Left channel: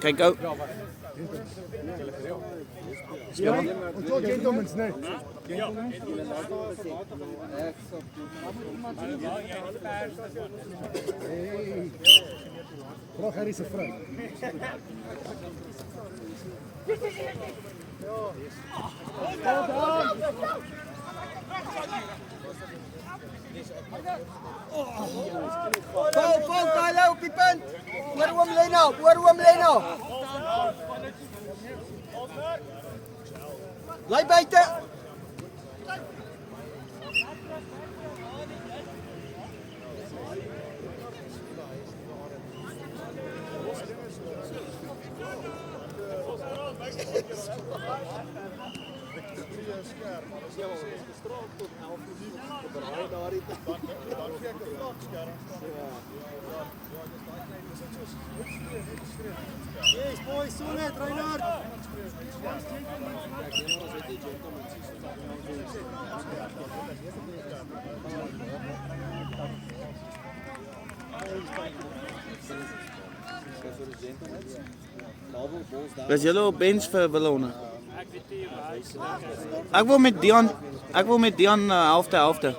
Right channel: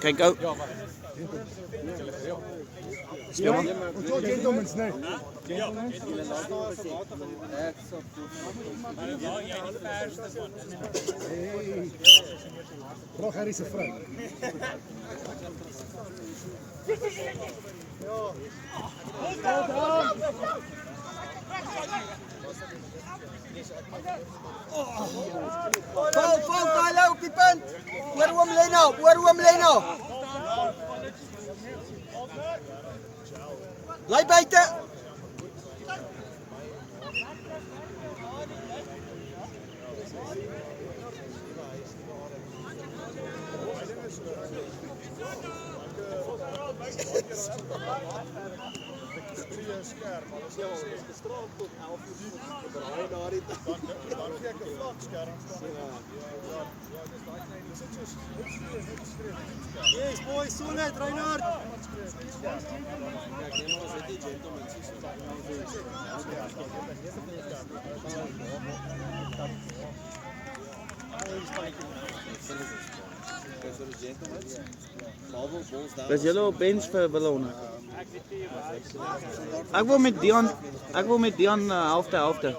Kyk ou. Ja, man. Ons so gentlemen, nee. Hey. Vraag Harry se vrou. Val, Tyler op die punt. Oor Leno. Bly buite. Boys, so net, Reinhard. Is julle op bench vir Willone? Ek wil met Dion helfte.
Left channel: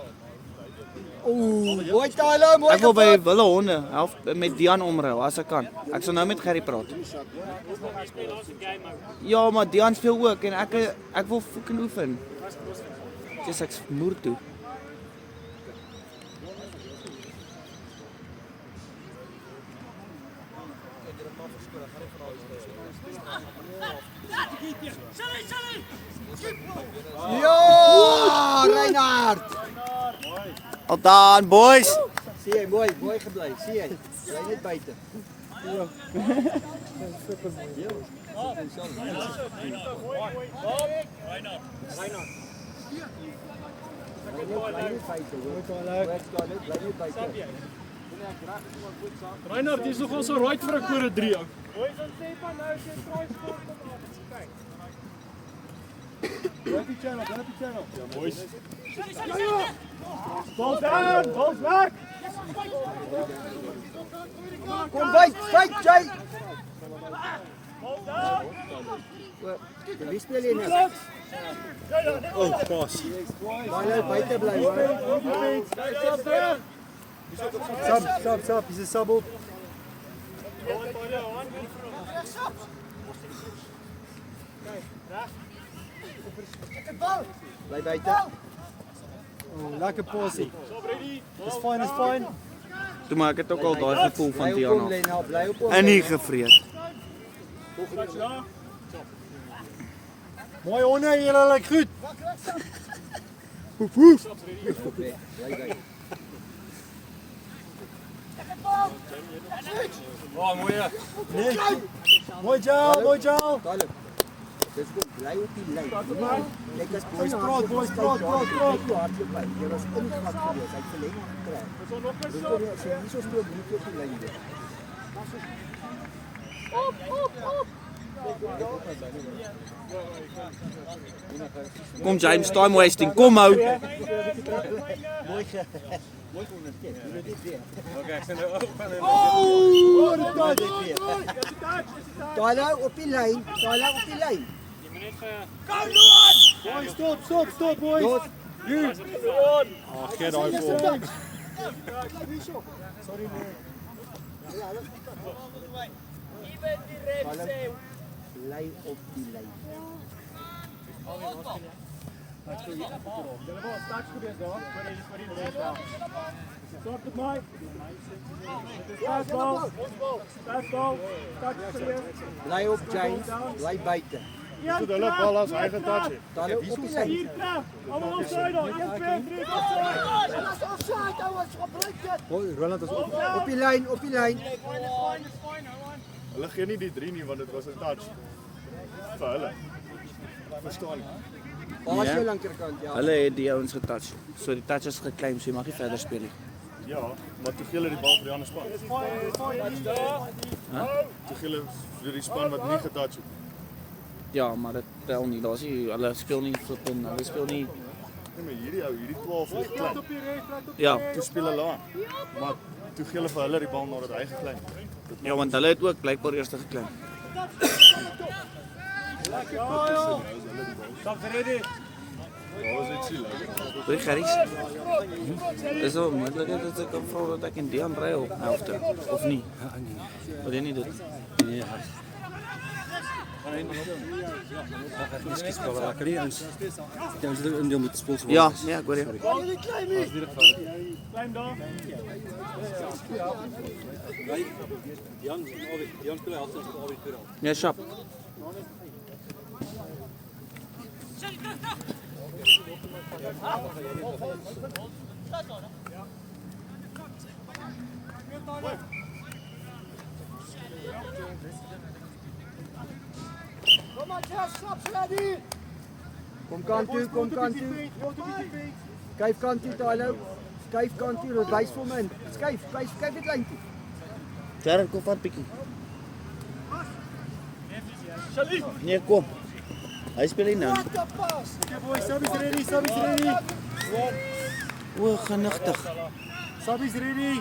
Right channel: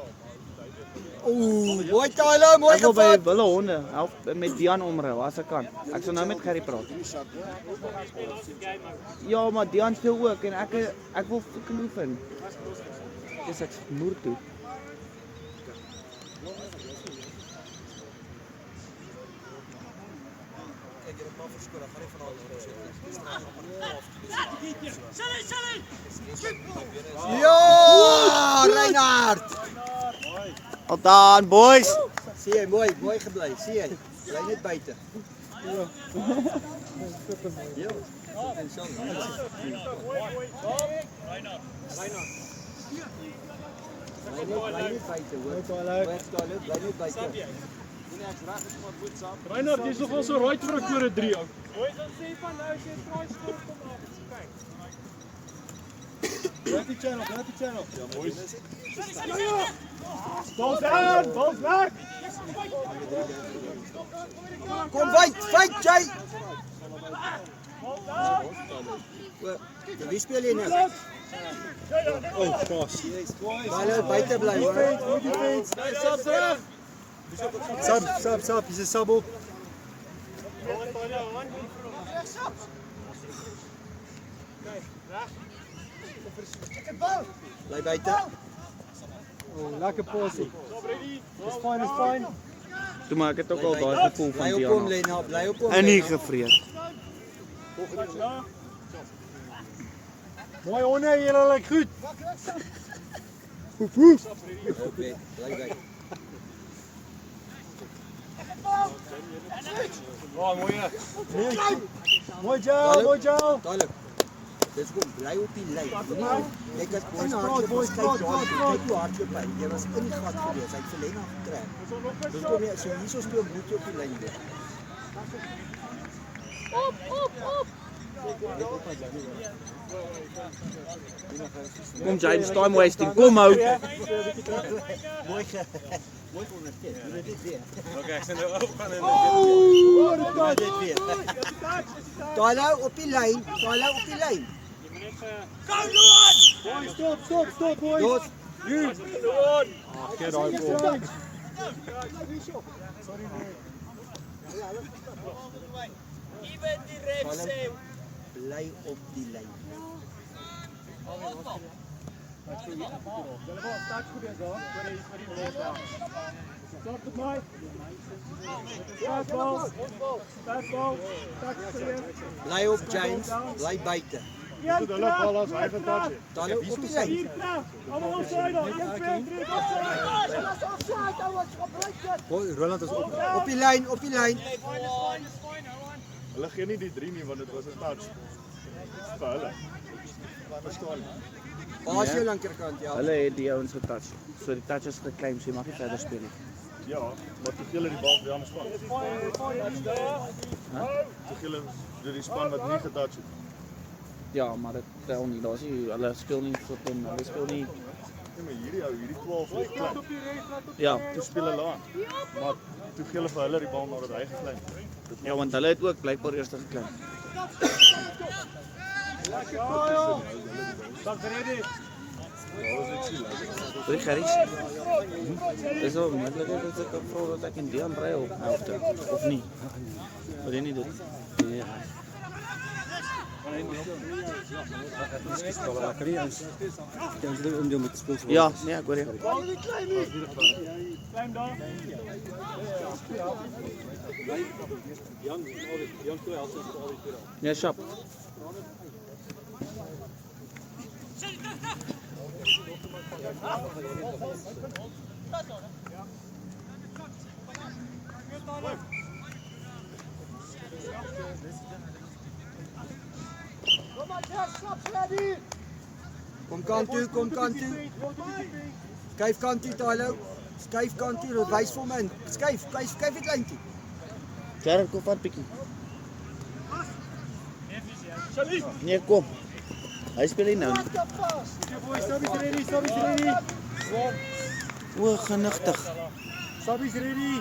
Mooi Tyler, mooi. Ek wil by Willone met Dion omruil as ek kan. Ek sal nou met Gerry praat. Ja, maar Dion speel ook en ek wil fucking oefen. Dis ek moer toe. Ja, Reinhard. Al daan, boys. Sien jy, mooi gebly. Sien jy? Jy net buite. Super mooi. Ja. Reinhard, jy's nog so right vir 'n kode 3. Gaat die channel. Ja, boys. Bals weg! Kom fight, Jay. Wie speel jy nou? Oh, gosh. Tyler buite bly. Sub, he's a sub op. Bly buite. Lekker posie. It's fine. Toe maar ek het ook al daai gevoel van Dion af. Bly op hom. En nie gevreet. Mooi honde, julle lyk goed. Bly buite. Mooi Joe. Tyler. Dis goed, bly op die lyn. Ek as boys praat. Jy was in die gat gewees. Hy het verleng getrek. Dis kom jy so hier so speel bloed op die lyn. Kom James, time wasting. Kom ou. Tyler op die lyn. Boys, stop, boys. Get daai bal. Bly op die lyn. Bly op James, bly buite. Goed, hulle bal as hy getouch het. Tyler op die lyn. Roland is op. Op die lyn. Hulle gee nie die 3 nie want dit was 'n touch. Vir hulle. Verstaan. Baas jy lankerkant, ja. Hulle het die ouens getouch. So die touch is geclaim, so jy mag nie verder speel nie. Ja, wat te veel het die bal by die ander span. Te veel vir die span wat nie getouch het. Ja, maar dit tel nie. Daar's nie hulle speel nie flippin. Hulle speel nie. Nee, maar hierdie 12 is klein. Ja. Toe speel hulle aan. Maar toe gee hulle vir hulle die bal nadat hy geklein het. Ja, want hulle het ook blykbaar eers geclaim. Hoi Gerries, is daar moontlikheid dat ek kan vra dat ek in die aanry op helfte, of nie? Wat doen jy dit? Nee, Ja, nee, ek hoor jy. Ja, sharp. Kom kant toe, kom kant toe. Skuif kant toe, Tylo. Skuif kant toe, wys vir my. Skuif die kleintjie. Jared, kom van pikkie. Nee, kom. Hy speel nie nou nie. O, genigtig. Sabie's ready.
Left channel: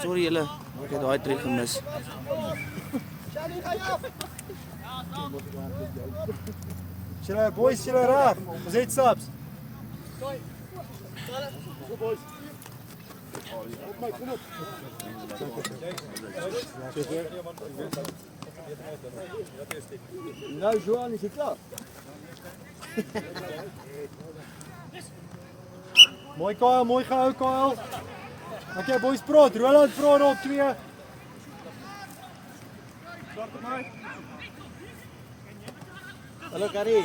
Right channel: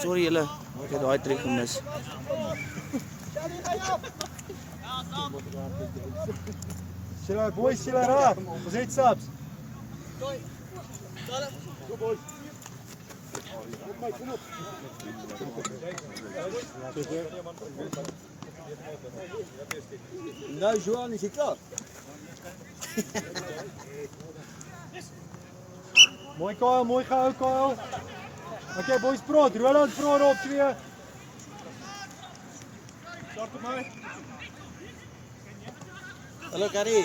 Sorry julle, ek het daai trek gemis. Shira, boys, shira raf. Ons het subs. Nou, Johan, is jy klaar? Mooi Kyle, mooi gehou Kyle. Okay, boys praat. Roland praat op 2. Hallo, Gary.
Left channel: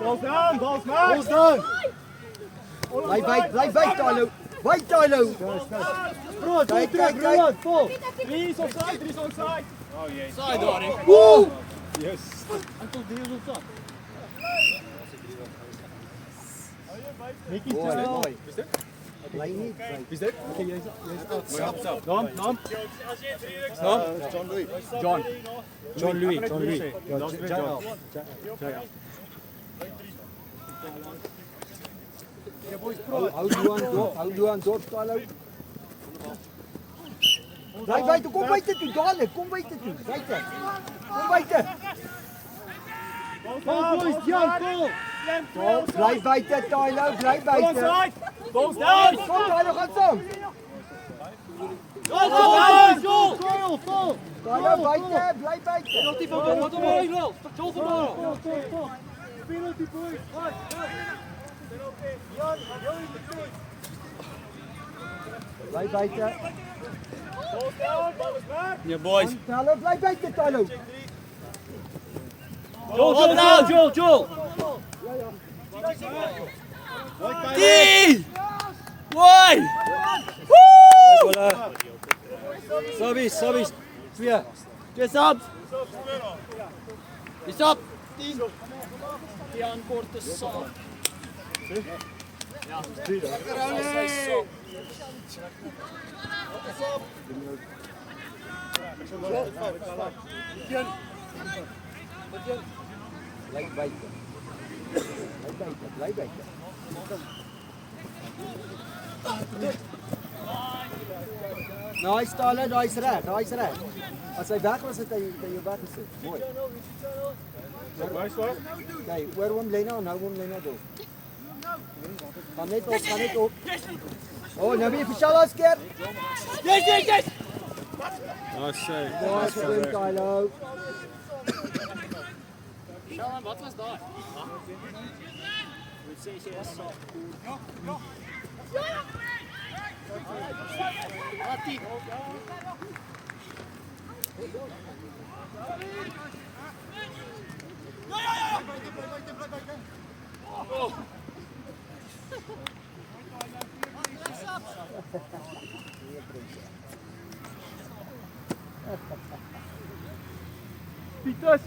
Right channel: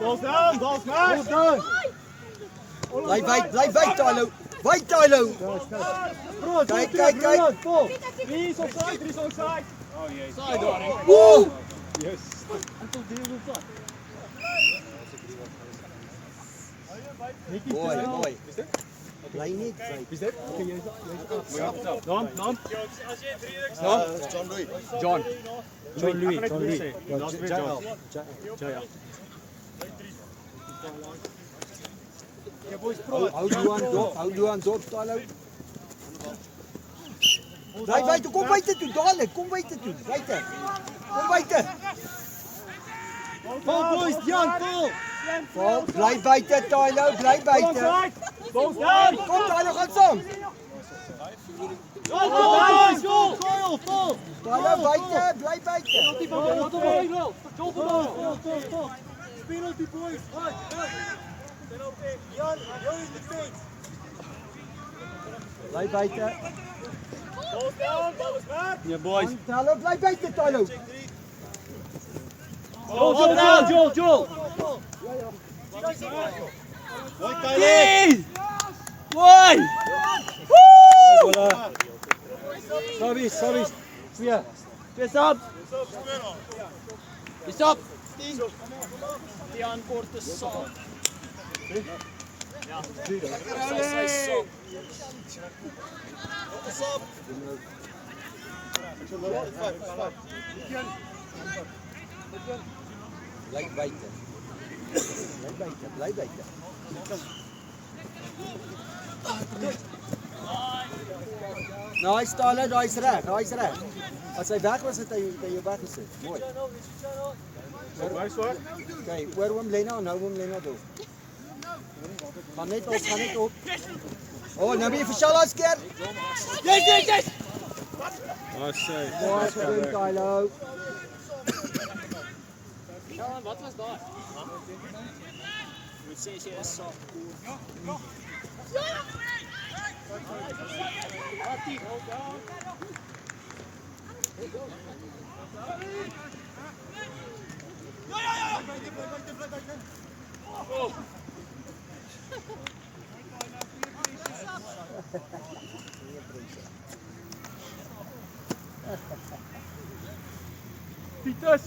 Balls down, balls down. Bly wyd, Tylo. Wyd, Tylo. Praat, Kyk. Roland, vol. 3 is onside. Woe! Yes. Mooi. Bly nie. Is dit? Naam? John Louis. Ja, JL. Hou Johan dop, Tylo. Bly buite, kom buite toe, dadelik, kom buite toe. Buite. Kom buite. Kom boys, Jan, kom. Bly buite, Tylo, bly buite. Balls down. Kom, Tylo, gaan saam. Tylo, buite, bly buite. Bly buite. Ja, boys. Tylo, bly buite, Tylo. Joel. Woi! Sabis. 2. Dis op. Dis op. Die aankorte saam. Ja. Bly buite. Bly buite. Nice, Tyler, daai's reg. As hy weg was, het hy jou weggesit. Mooi. Okay, oor hom Lena dop. Gaan net op. Oh, nou weer vir Shala skeer. Yes. Mooi gedoen, Tyler. Wat was daar? Met 6 is. Pietus.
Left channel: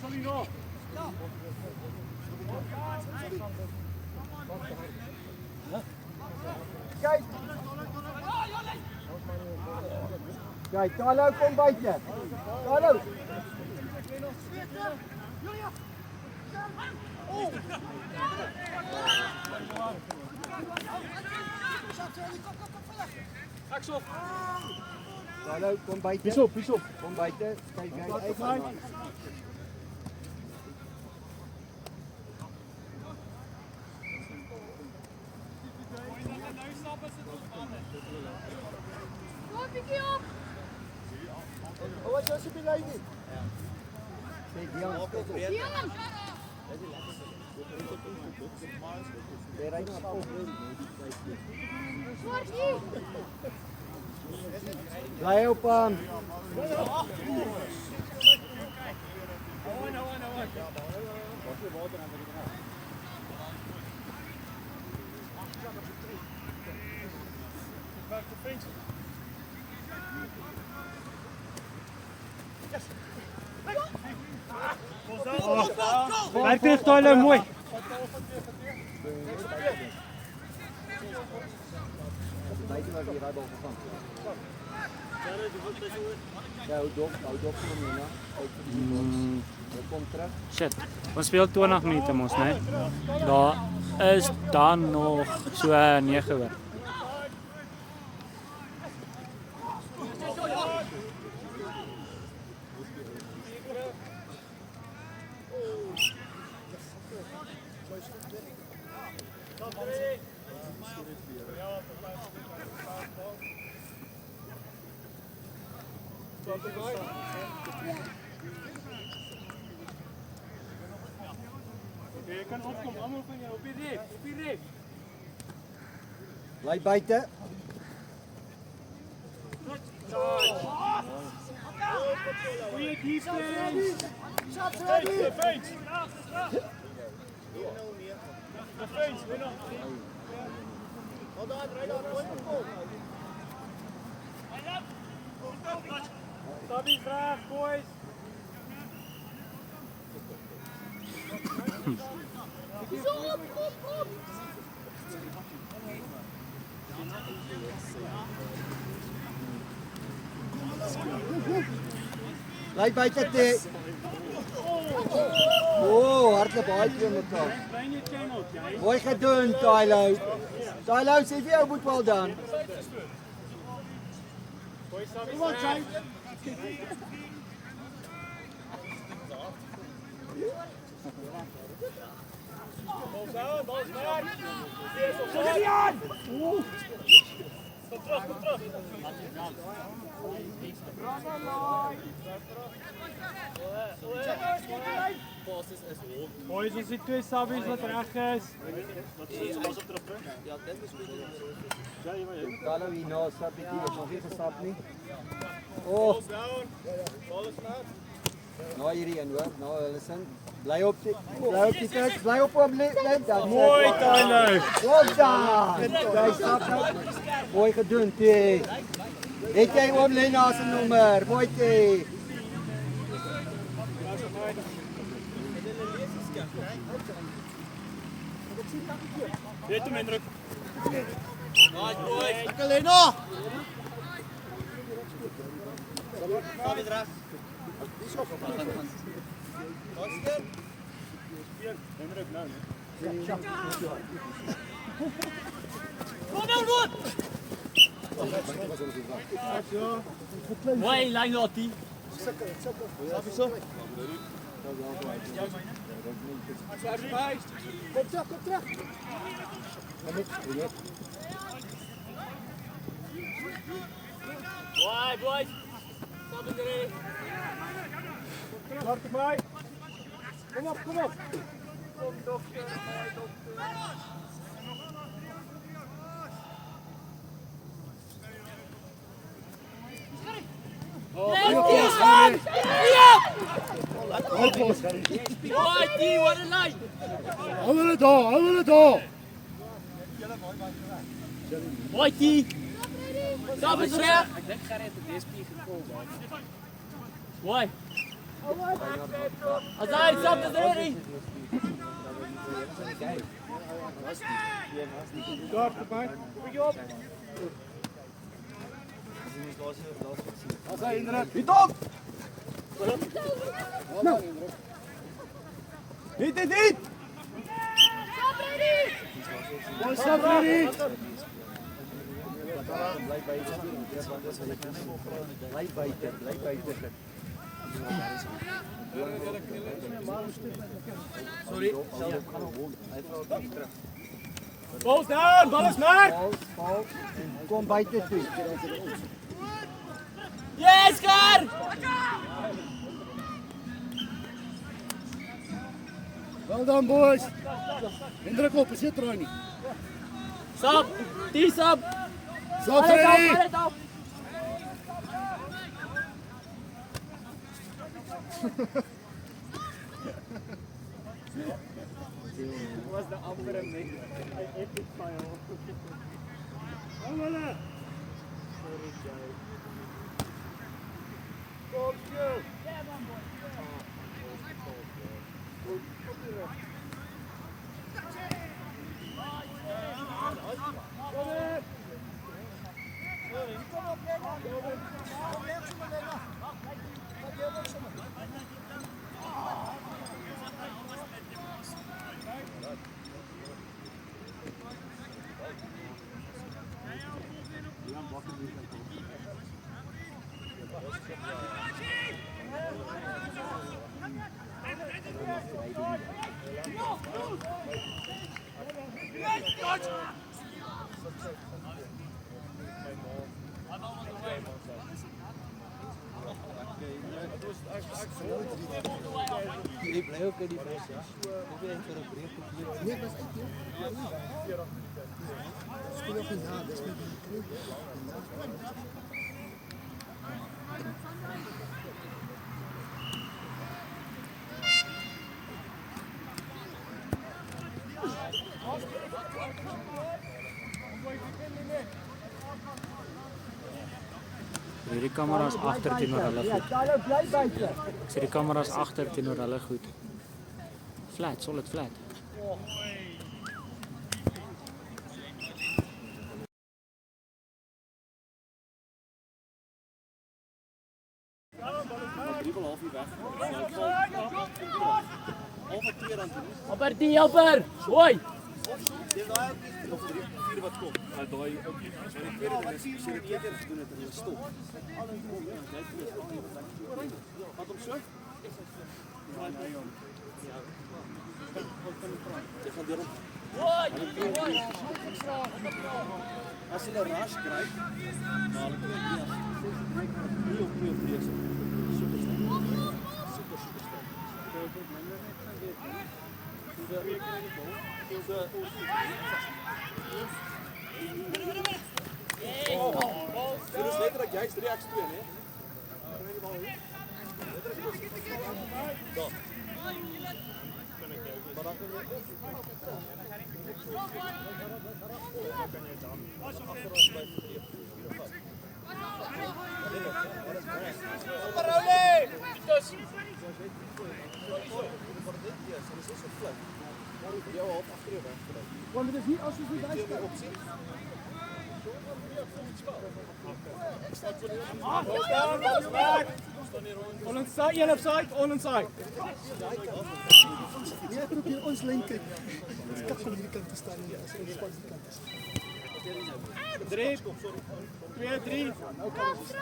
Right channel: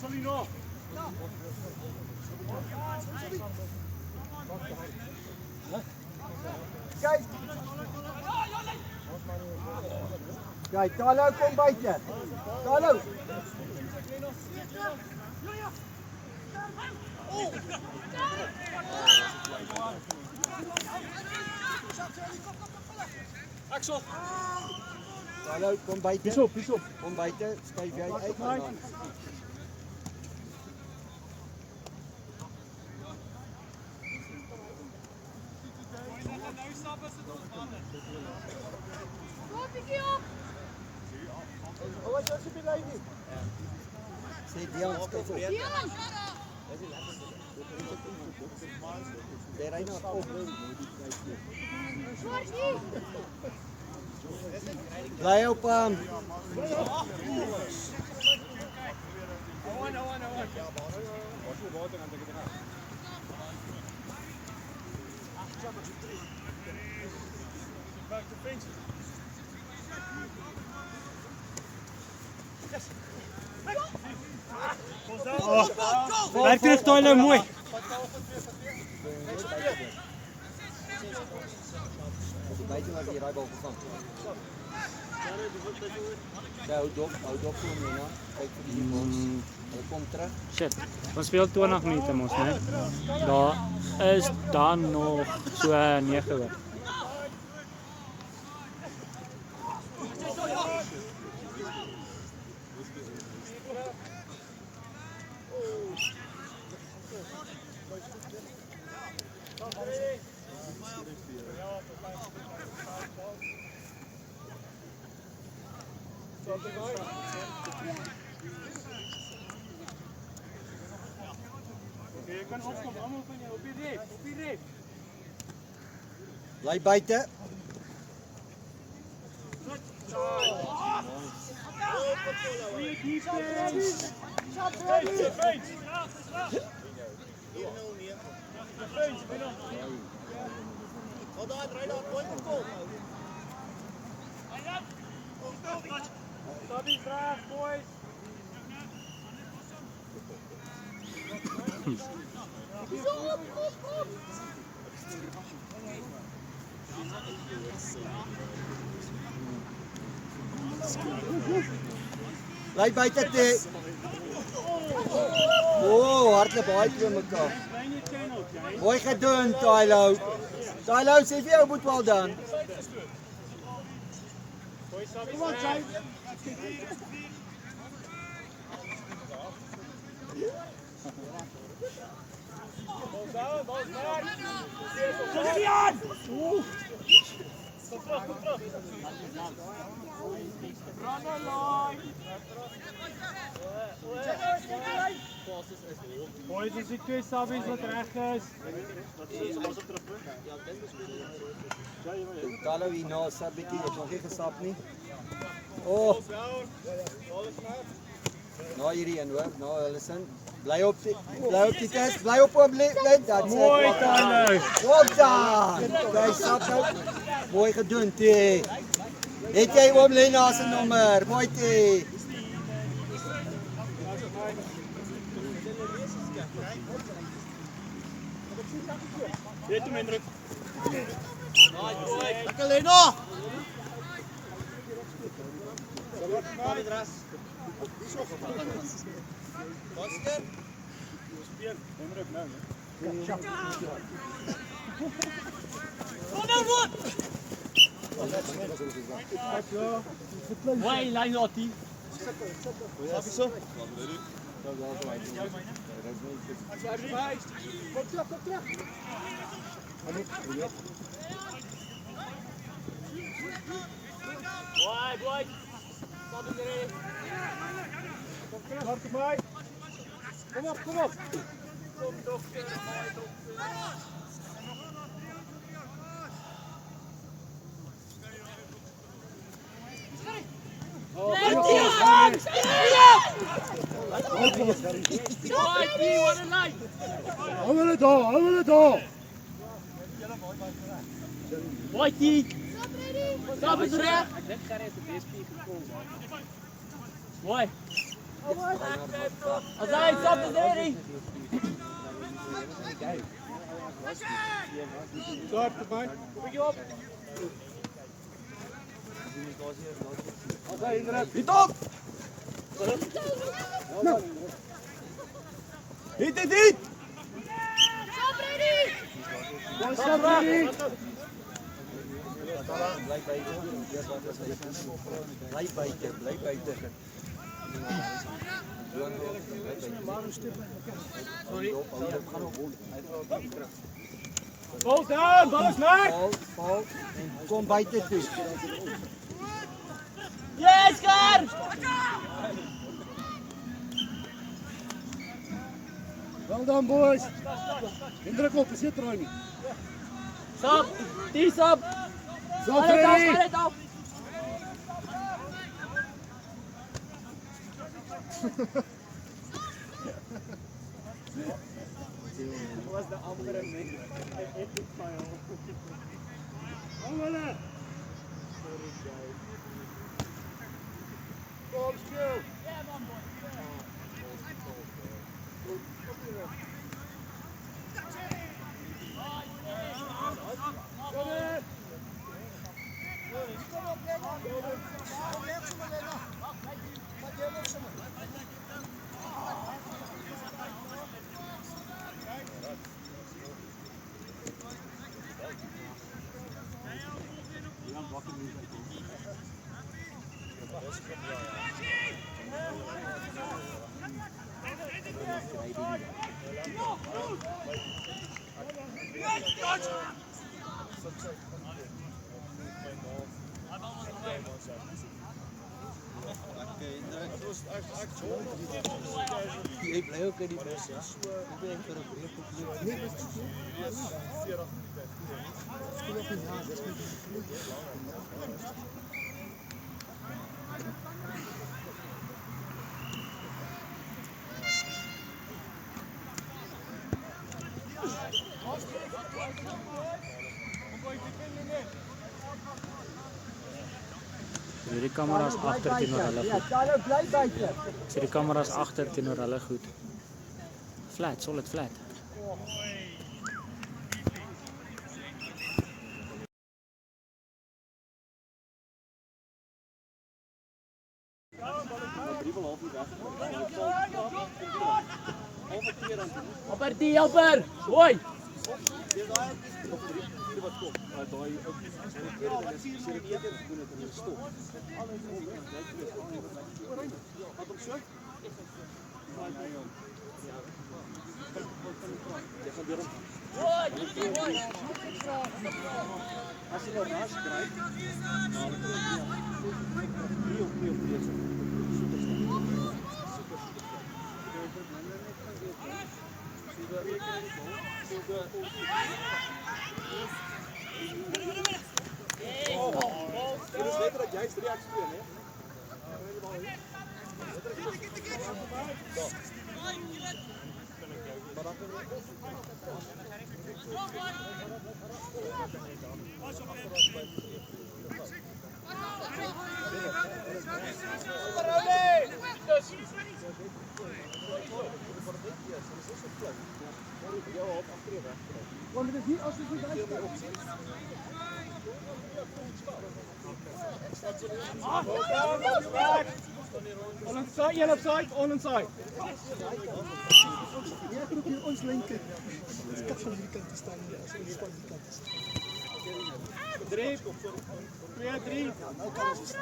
Sal nie na. Kyk, Tyler kom buite. Tyler. Hallo, kom buite. Pas op. Kom buite, skuif jy uit. Gaan aan. Sê Dion, skuif op. Jy ry nou op. Bly op hom. Back to fence. Werk terug, Tyler, mooi. Buite was die rybal gegaan. Hou dop vir hom nou. Kyk vir die. Hy kom terug. Shit, ons speel 20 minute mos, né? Daar is dan nog so 9 oor. Jy kan opkom, almal op die reep. Bly buite. Goeie defense. Fence. Stop vraag, boys. Bly buite te. Hardloop baie twee mekaar. Mooi gedoen, Tyler. Tyler, sê vir jou moet wel dan. Kom on, Jay. Bal's daar. Boys, ons het 2 sabbies wat reg is. Tyler hier na sabbietjie, het nog nie gesap nie. Oh, nou hierdie een hoor, nou hulle sin. Bly op die test, bly op hom net dan. Mooi, Tyler. Goed dan. Bly sap. Mooi gedoen, T. Het jy oom Lena se nommer? Mooi T. Dit hom indruk. Lekker Lena. Indruk nou, né? Mooi, lijn dat die. Sabi so. Kom terug. Boy, boy. Laat het mij. Kom op. Hou hulle daar. Boy, die. Stop eens reg. Ek dink Gerry het 'n DSP gekom. Mooi. Azai, stop eens reg. Daar erbij. Bietjie op. Azai indruk. Hit op. Nou. Hit. Stop ready. Bly buite. Dis wat ons hulle kies. Bly buite. Sorry. Balls down, balls mark. Kom buite toe. Yes, Kar. Well done, boys. Indruk op, sit er nie. Stop. Die stop. So Alles af, Freddy. alles af. Was the amper met epic file. Allemaal. Kom stil. Ek bly ook in die proses. Probeer vir 'n breek op hier. Nee, wat is dit? Speel op die na, dis net Die kameras agter teenoor hulle goed. Hulle bly buite. Ek sê die kameras agter teenoor hulle goed. Flat, solid flat. Helper. Hoi. as hulle ras kry. Dit is letterlik juist reaks 2, hè? Want dit is nie as jy so luister op sien. On inside, yellow side, on inside. Hier probeer ons lyn kyk. Ons kan van hierdie kant staan hier as ons van die kant is. 3, 2, 3. Nou kan ons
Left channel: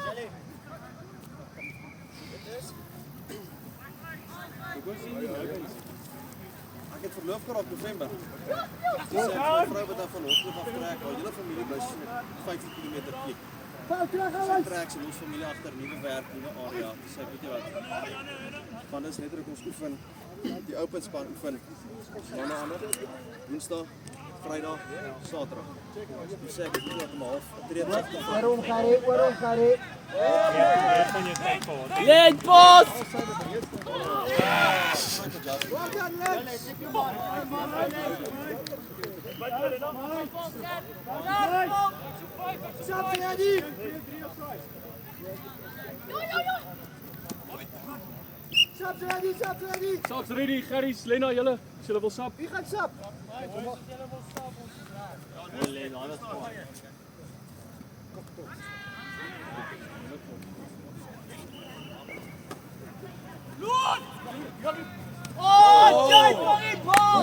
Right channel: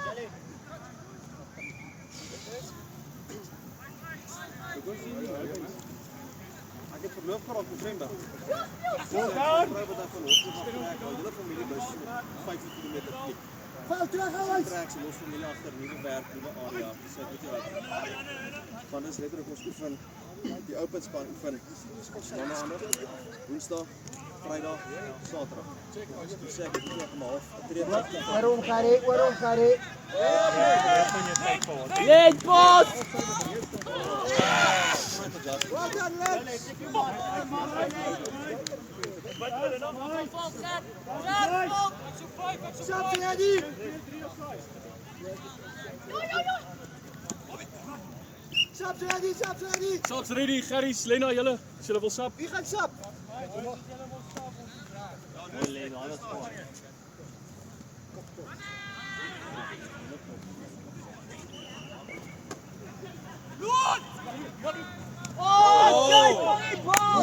Ek het verloof geraak November. Vrou wat dan van Hoogte van trek, al julle familie bus 50 km plek. val terug alles. Trek sy ons familie agter nuwe werk, nuwe area. Dis ek weet jy wat. Van is letterlik ons oefen die open span oefen. Maandag, Woensdag, Vrydag, Saterdag. Ons sê dit is om 1:30. Waarom gare? Lead boss. Well done, lads. Stop ready. Stop ready. Saks ready, Gerry, Lena, julle. As julle wil sap. Wie gaan sap?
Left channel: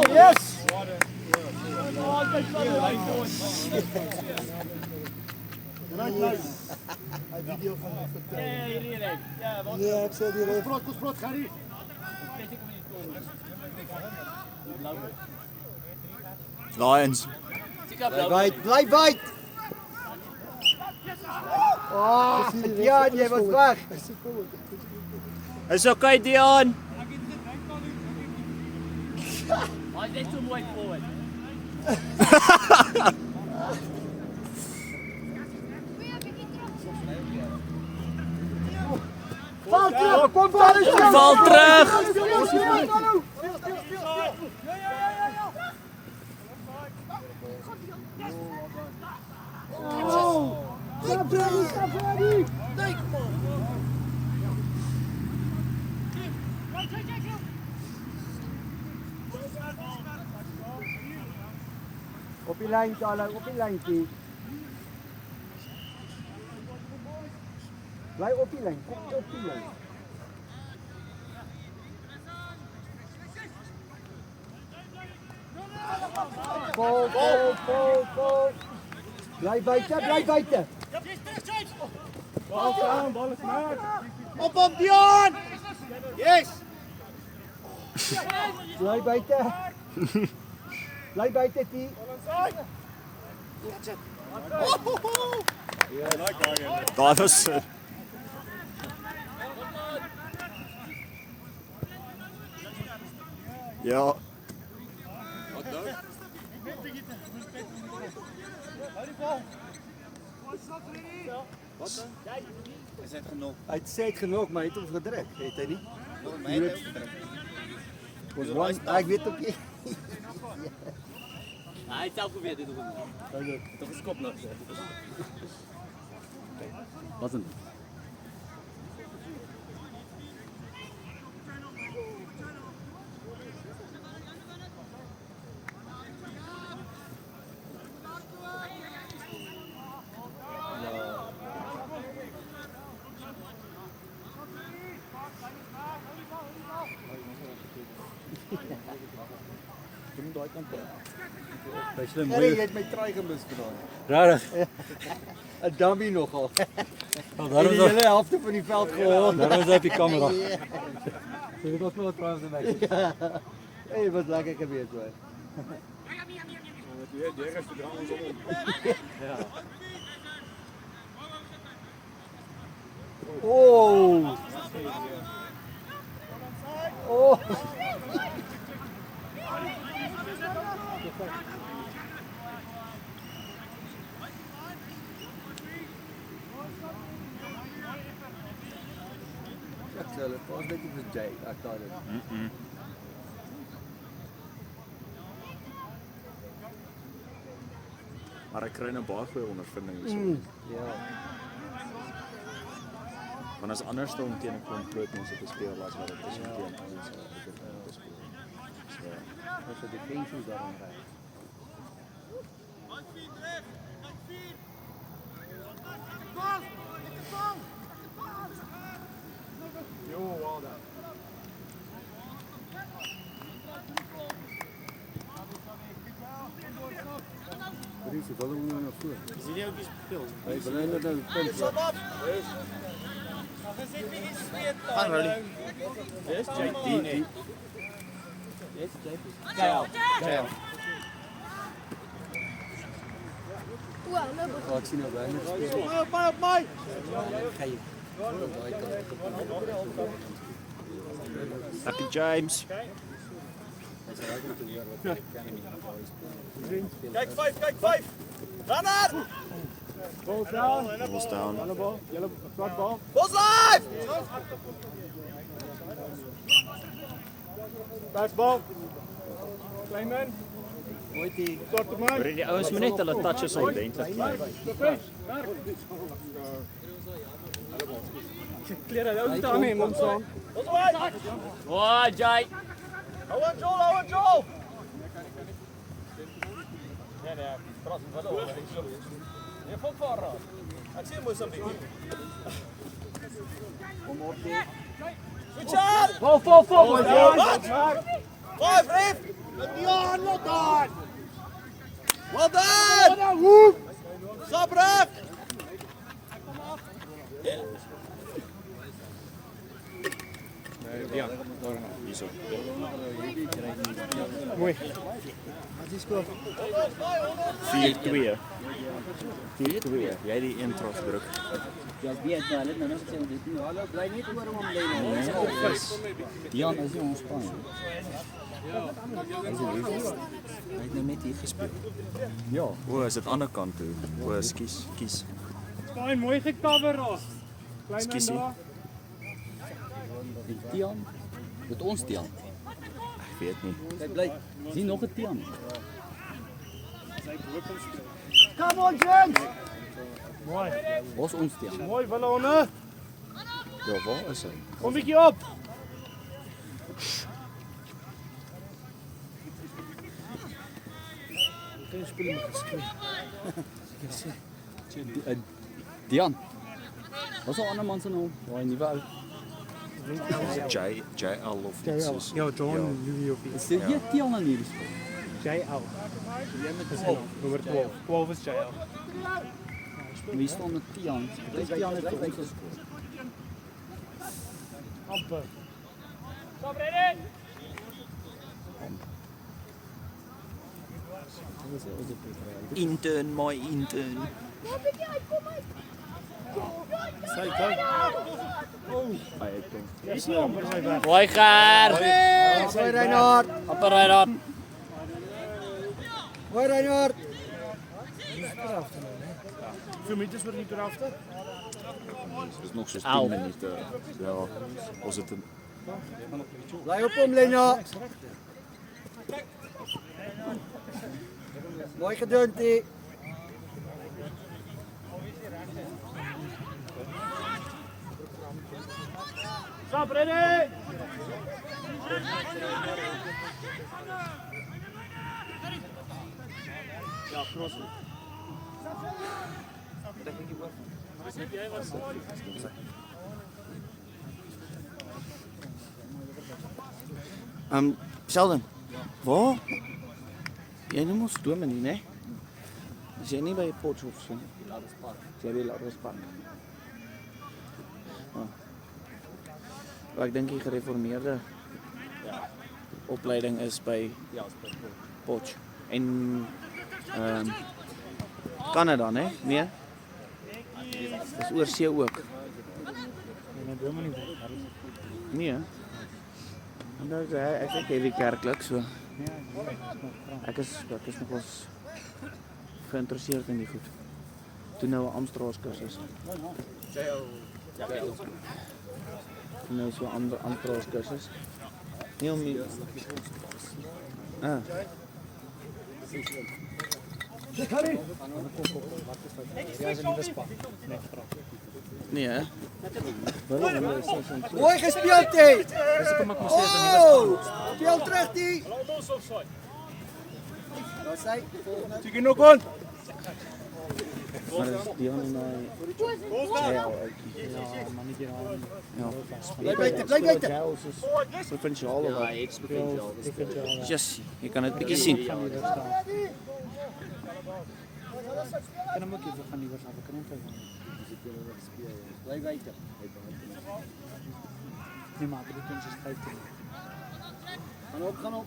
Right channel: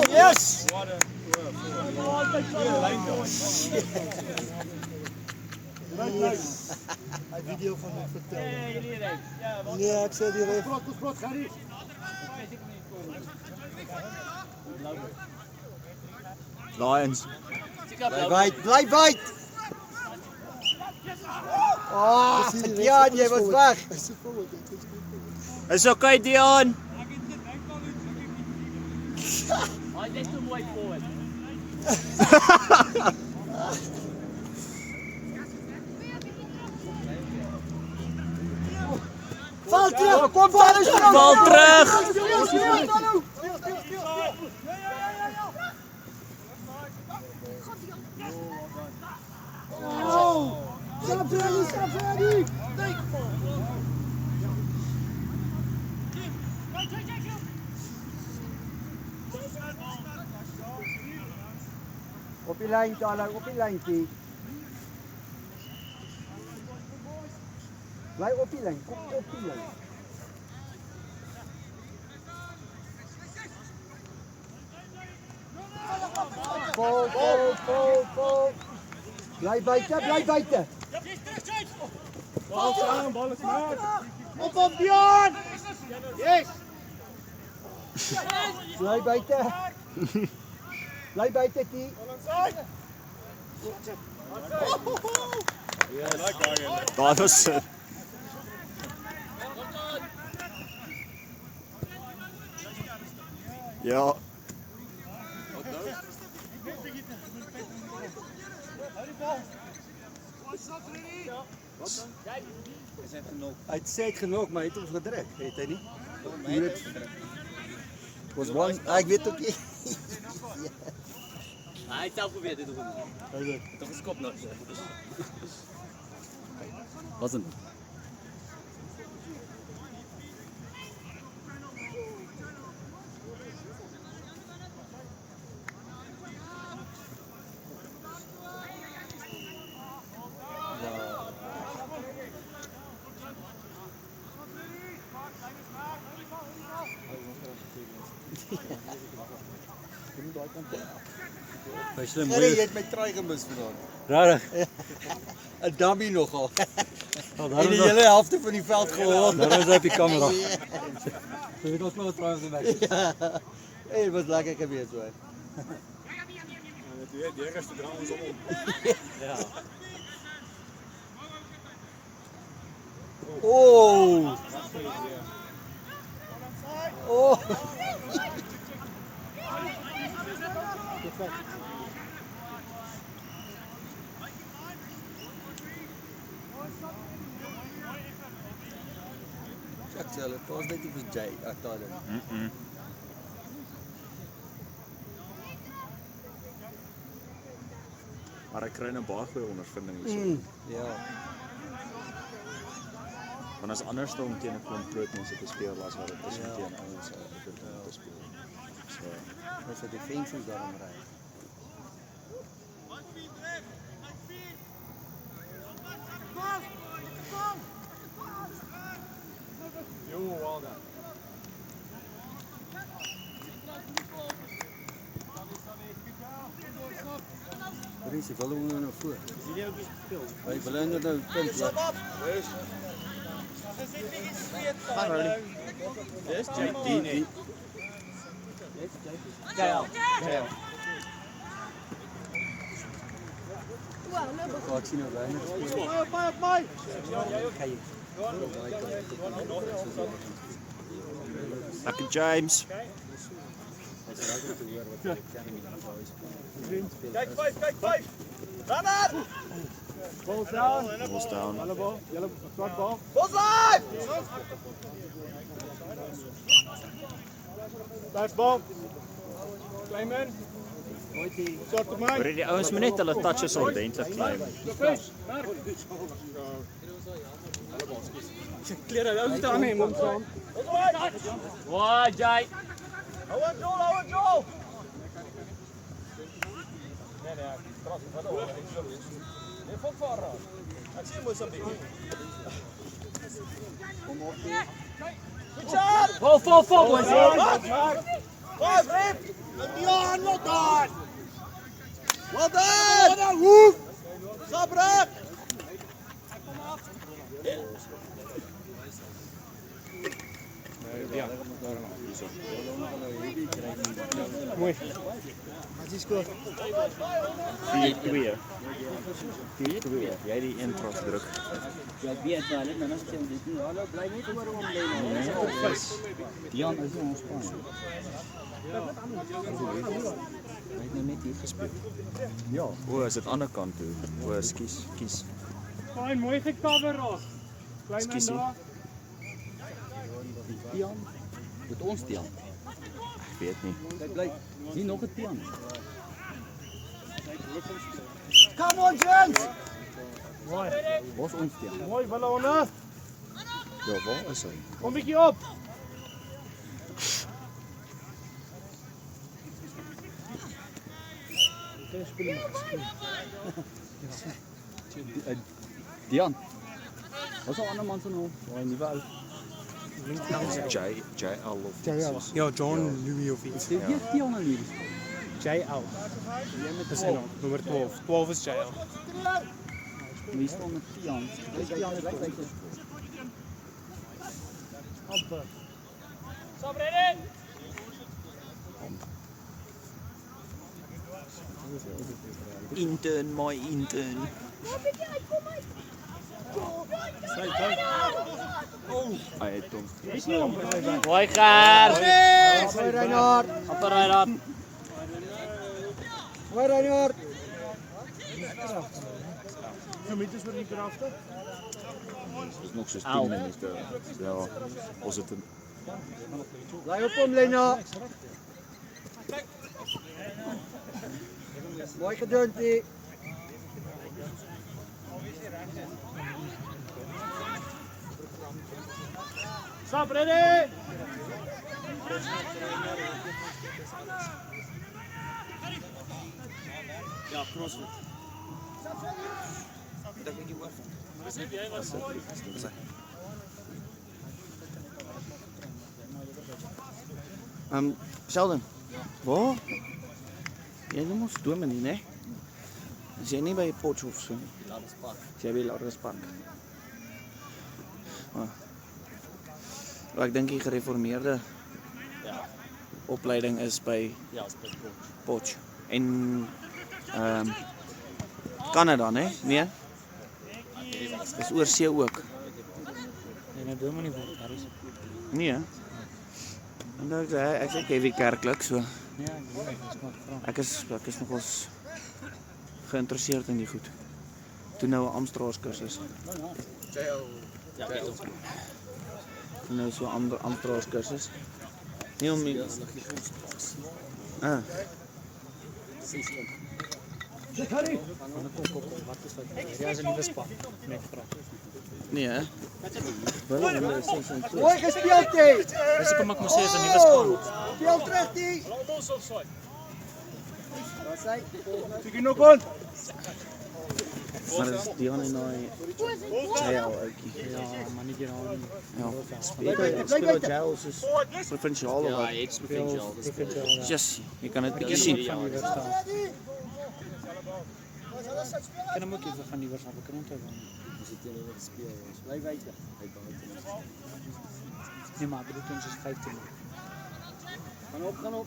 Yes! video gaan maar vertel. Ja, wat? Nee, ek sê die ref. Sprot, gaan nie. Lions. Bly byt. Ja, jy was weg. Is okay, Dion. Hij is too mooi forward. Val terug, kom val. Val terug. Op die lyn, Charlie, op die lyn toe. Bly op die lyn, kom op die lyn. Vol. Bly buite. Bal aan, bal is maar. Op Dion! Yes! Bly buite, Tie. Dat was het. Ja. Hy het sê hy het genok, maar hy het hom gedruk, het hy nie? Ons man, ek weet ook nie. Hij heeft zelf geprobeerd dit te doen. Toch een kop nog. Wat een. Jy het my try gemis vandag. Rarig. 'n Dummy nogal. Wat En die hele helfte van die veld gehoor. Daar was hy op die kamera. So ek was klaar trouens in my. Hey, wat lekker geweest hoor. Oh. Oh. Hulle pas net op die J, ek daai. Maar ek kry 'n baie goeie ondervinding hierso. Ja. Want as anders dan teen 'n klomp groot mense te speel as wat dit is om teen ouens te speel. Dis 'n defensie daar ry. Ze willen we nog voor. Zie je ook iets speel? Wij willen dat een punt. Gaan we niet. Yes, JD. Nee. Yes, JD. Ja. Ik zie nou weinig spelen. Ga je. Happy James. Kijk 5. Runner! Balls down. Balls down. Yellow front ball. Balls live! Back ball. Klein Soort op mij. Maar die ouens moet net hulle touches ordentlik kry. Kleren ook staan in ons zo. Wow, Jai. Hou aan Joel! Nee, kras wel hoor. Je valt van raas. Ik zie Mozambique. Vol. Five, Rip! Dion, well done. Well done! Sabrak! hierso. Mooi. As jy skoor. 4-2. 4-2. Jy die intros druk. Ja, weet maar, hulle nou sê dit nie. Hallo, bly net oor hom lê. Dion is nie ons span. Hy het nou net hier gespeel. Ja. O, is dit aan die ander kant toe. O, kies. Baie mooi gecover ons. Ekskuus. Tian. Met ons Tian. Ek weet nie. Hy bly. Sien nog 'n Tian. Come on, James. Ons Tian. Mooi ballonne. Ja, waar is hy? Kom bietjie op. Dit is speel met geskryf. Dian. Wat is 'n ander man se naam? Daai nuwe ou. JL of iets. Ja, John Louis of iets. Is dit nie Tian aan hierdie spel? JL. Dis nommer 12. 12 is JL. Wie staan met Tian? Dis Tian het baie gespeel. Intern, my intern. Hy het hom. Mooi Ger. Mooi Reinhard. Apper Reinhard. Mooi Reinhard. Hoeveel meters word die per helfte? Dis nog soos 10 minute. Ja, ons het een Bly op hom, Lena. Mooi gedoen, T. Stop, ready! Sheldon. Waar? Jy noem ons Dominee, né? Is jy nie by Potchefstroom so nie? Jy by Larispark. Ek dink die gereformeerde opleiding is by Potch. En Canada, né? Nee? Dis oor see ook. Nee, hè? Ek is heavy kerklik, so ek is nogals geïnteresseerd in die goed. Toe nou 'n Amstraals kursus. Nou so 'n Amstraals kursus. Nie om nie. Harry. Nee, hè? Mooi gespeeld, T. Dis kom ek maar sê is 'n nuwe span. Speel terug, T. Sien nog kon. Maar dis Dion en hy JL uitkie. Ja, maar nie hier aan. Ja. Bly buite. JL is provinsiaal of wat? It's potential. Just, jy kan dit bietjie sien. Kan hom ook even gaan liewer gaan kan onthou. Bly buite. Nee, maar dit ons is 15. Gaan op.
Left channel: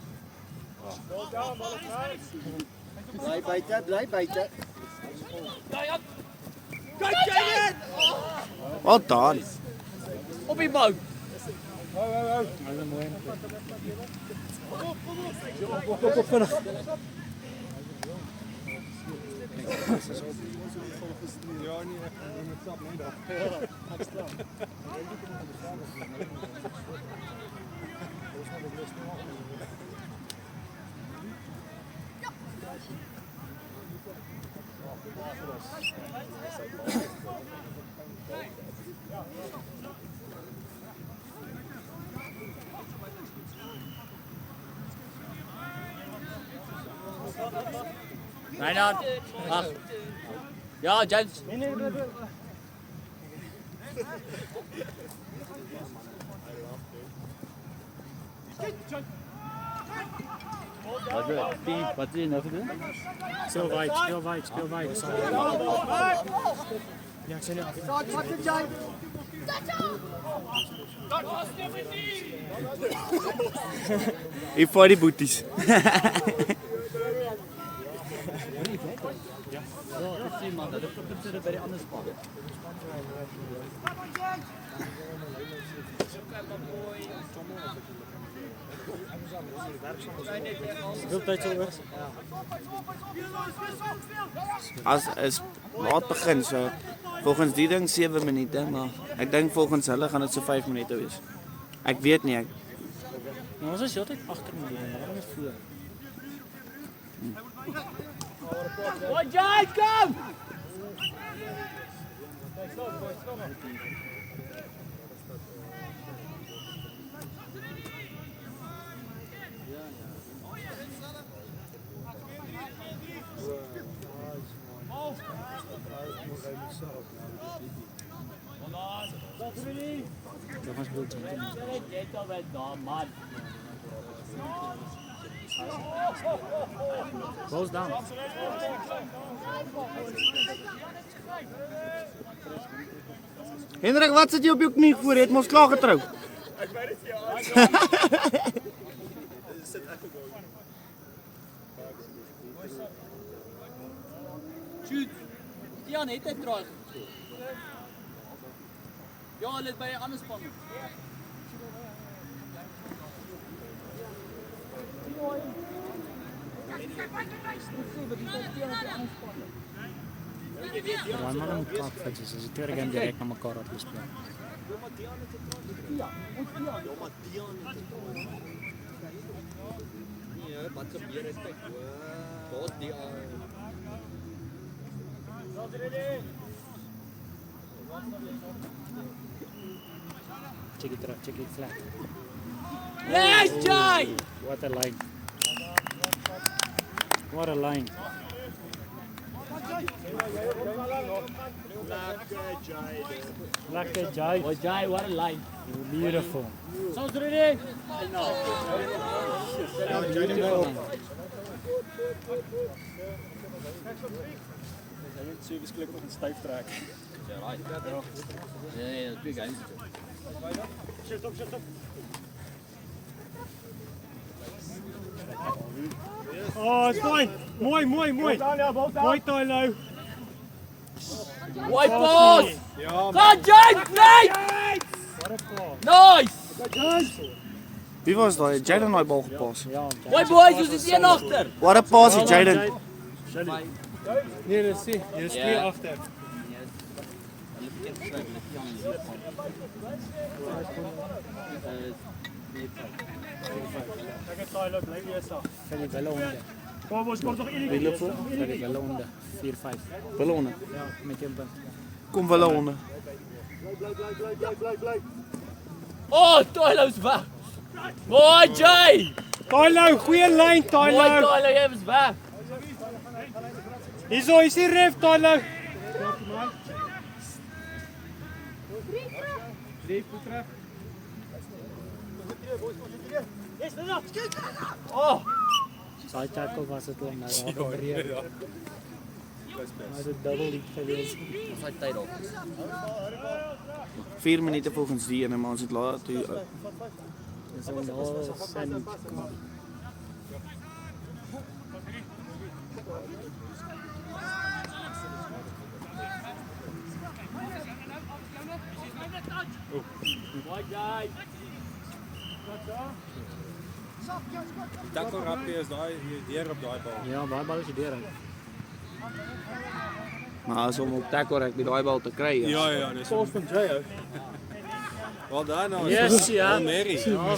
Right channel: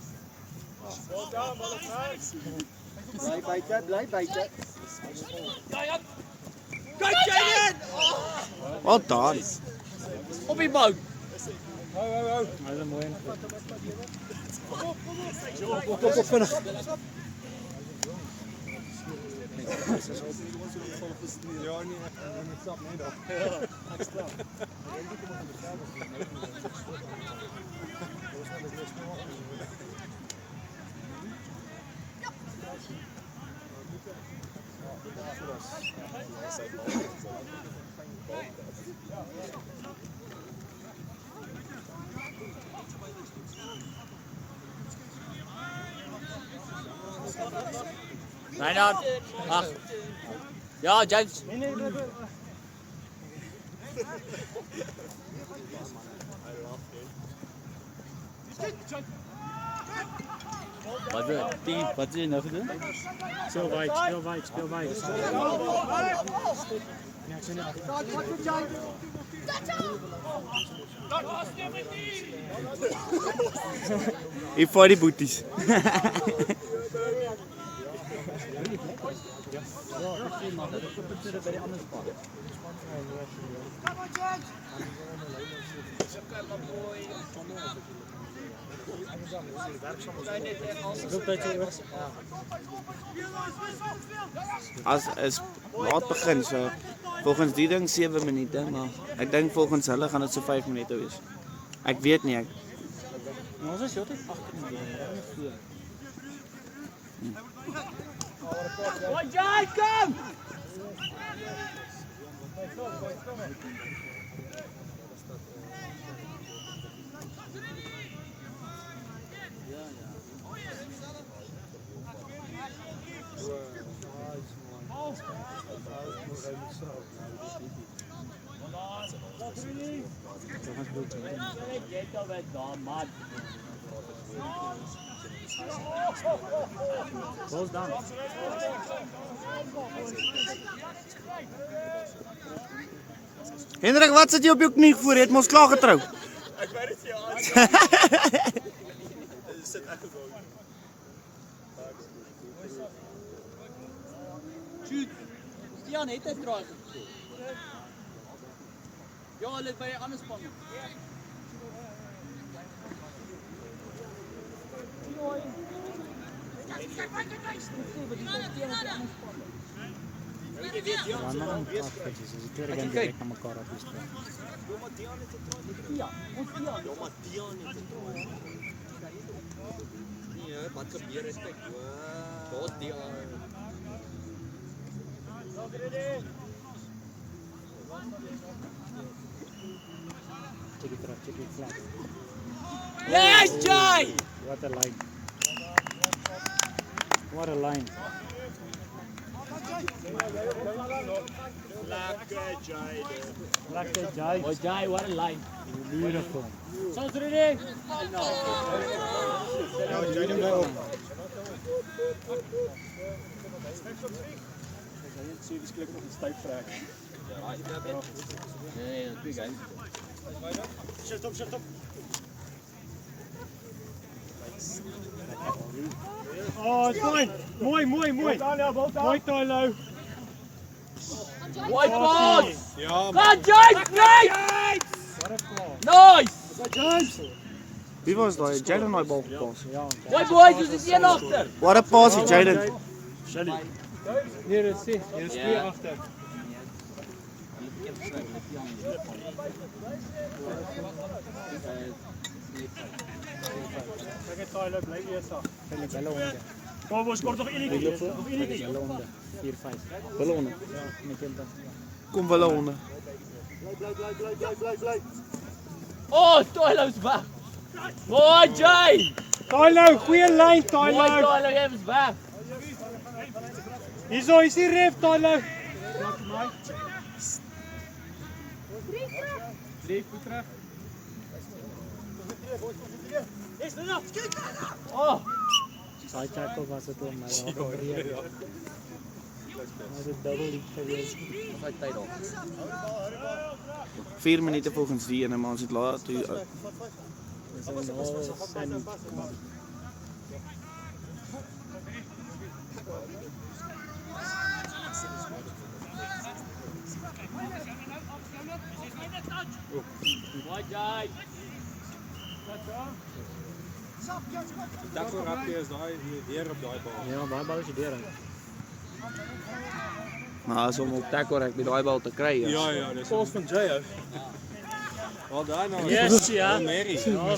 Bly buite. Wat dan? Op die bou. Hy is 'n mooi een. Op vinnig. Reinhard. Ag. Ja, James. Wat is jy nou gedoen? Speel wyd. Hier vat die boeties. As is laat begin so volgens die ding 7 minute, maar ek dink volgens hulle gaan dit so 5 minute wees. Ek weet nie, Ons is heeltyd agter my. Ons voor. Jai, kom! Close down. Hendrik, wat sit jy op jou knie voor? Jy het mos klaar getrou. Ja, net 'n draai gekry. Ja, hulle het by 'n ander span. Ja, maar om kaart vir dis is dit reg direk na mekaar afgespeel. Nee, wat gebeur is kyk. Daar's die Check it flat. Yes, Jai! What a line. What a line. Lekker Jai. Oh, Jai, what a line. Beautiful. Sounds ready? service klik op 'n styf trek. Nee, twee guys. Shift op. Oh, fine. Mooi. Mooi, Tylo. White pass! Ja, Come, Jai! Great! What a pass. Nice! Wie was daai? Jayden daai bal gepas. Ja, Mooi boys, ons is een agter. What a pass, Jayden. Nee, dis nie. Dis twee agter. Kyk net Tylo bly eers af. Philip hulle onder. Kom ons kort nog Wie enige. loop voor? Philip hulle onder. 4-5. Hulle onder. Ja, met jou dan. Kom hulle onder. Oh, Tylo's weg. Mooi, Jai! Tylo, goeie lyn Mooi, Tylo. Tylo, jy is weg. Hierso is die ref Tylo. Ref terug. Oh, Daai tackle was dit om nou daar gebreek. Maar dit double lead gewees. hy tyd op. 4 minute volgens die ene, maar ons het laat toe. Dis nou sen. Mooi, Jai. tackle rapie is daai deur op daai bal. Ja, baie bal is die deur uit. Maar as om op tackle rugby daai bal te kry is. Ja, dis ons van Jay ou. Wel daai nou. Yes, ja. Mary. Ja,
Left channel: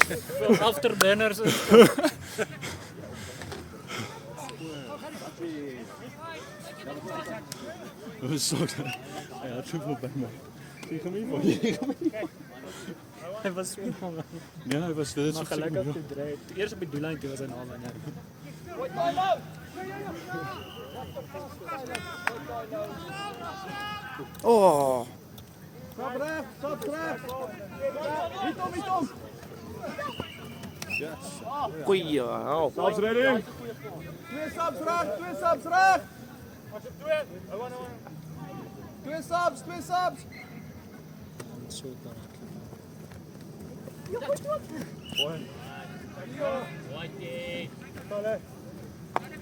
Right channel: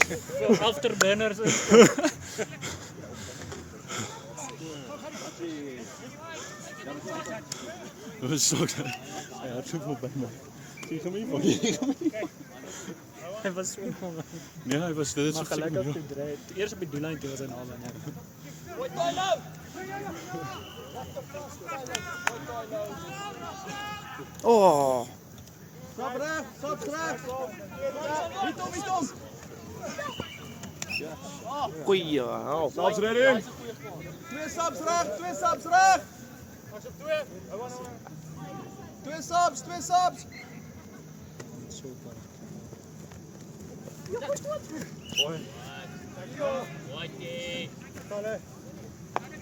afterburners is Wat so dat? Ja, het so by my. Sien hom nie van. hy was so van. Nee, hy was dit Maar gelukkig toe drie. Eers op die doellyn toe was hy naby, ja. Oh, Stap reg. goeie help. Ons ready. Twee staps reg. Twee subs, twee subs.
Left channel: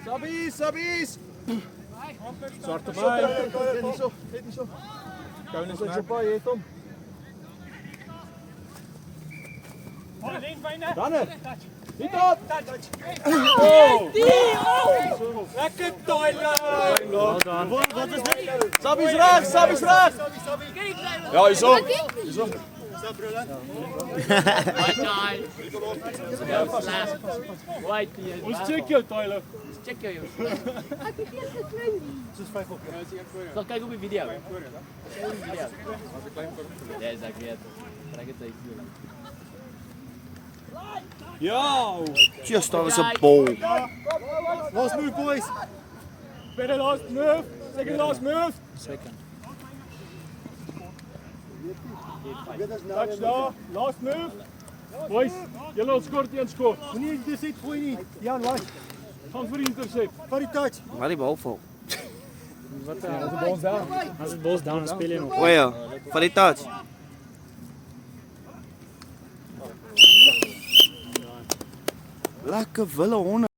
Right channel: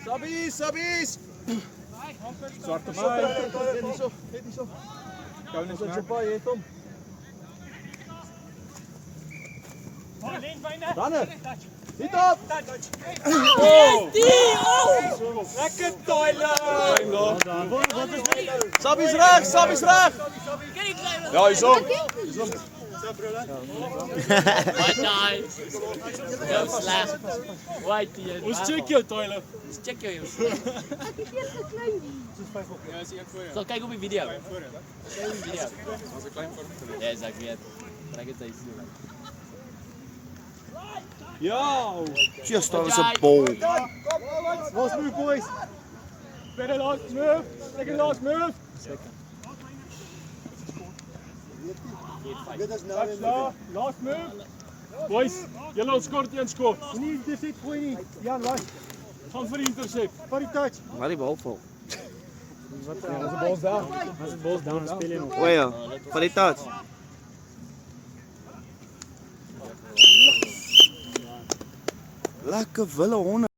Subbies, subbies. Zwarte Zo terug, net hierso, net hierso. Jou net Ons het baie het hom. Danner. Dit op. Lekker Tyler. Well done. Subbies reg, subbies reg. Ja, hierso. Heel sleg. White hier. Ons check jou Tyler. Check jou jongens. Ga kyk op die video. Kyk op die video. Ja, is ek weet. Ek het dit sien. Ja. Just daar was 'n bol. Last move boys. Better last move. Second last move. Touch daar. Last move. Boys, julle ons skort een skop. Moenie dis dit gooi nie. Jan, laat. Gaan vir die intercept. Vat die touch. Waar die bal val. As die bos down speel jy nog. O ja, van die touch. Lekker wille honde.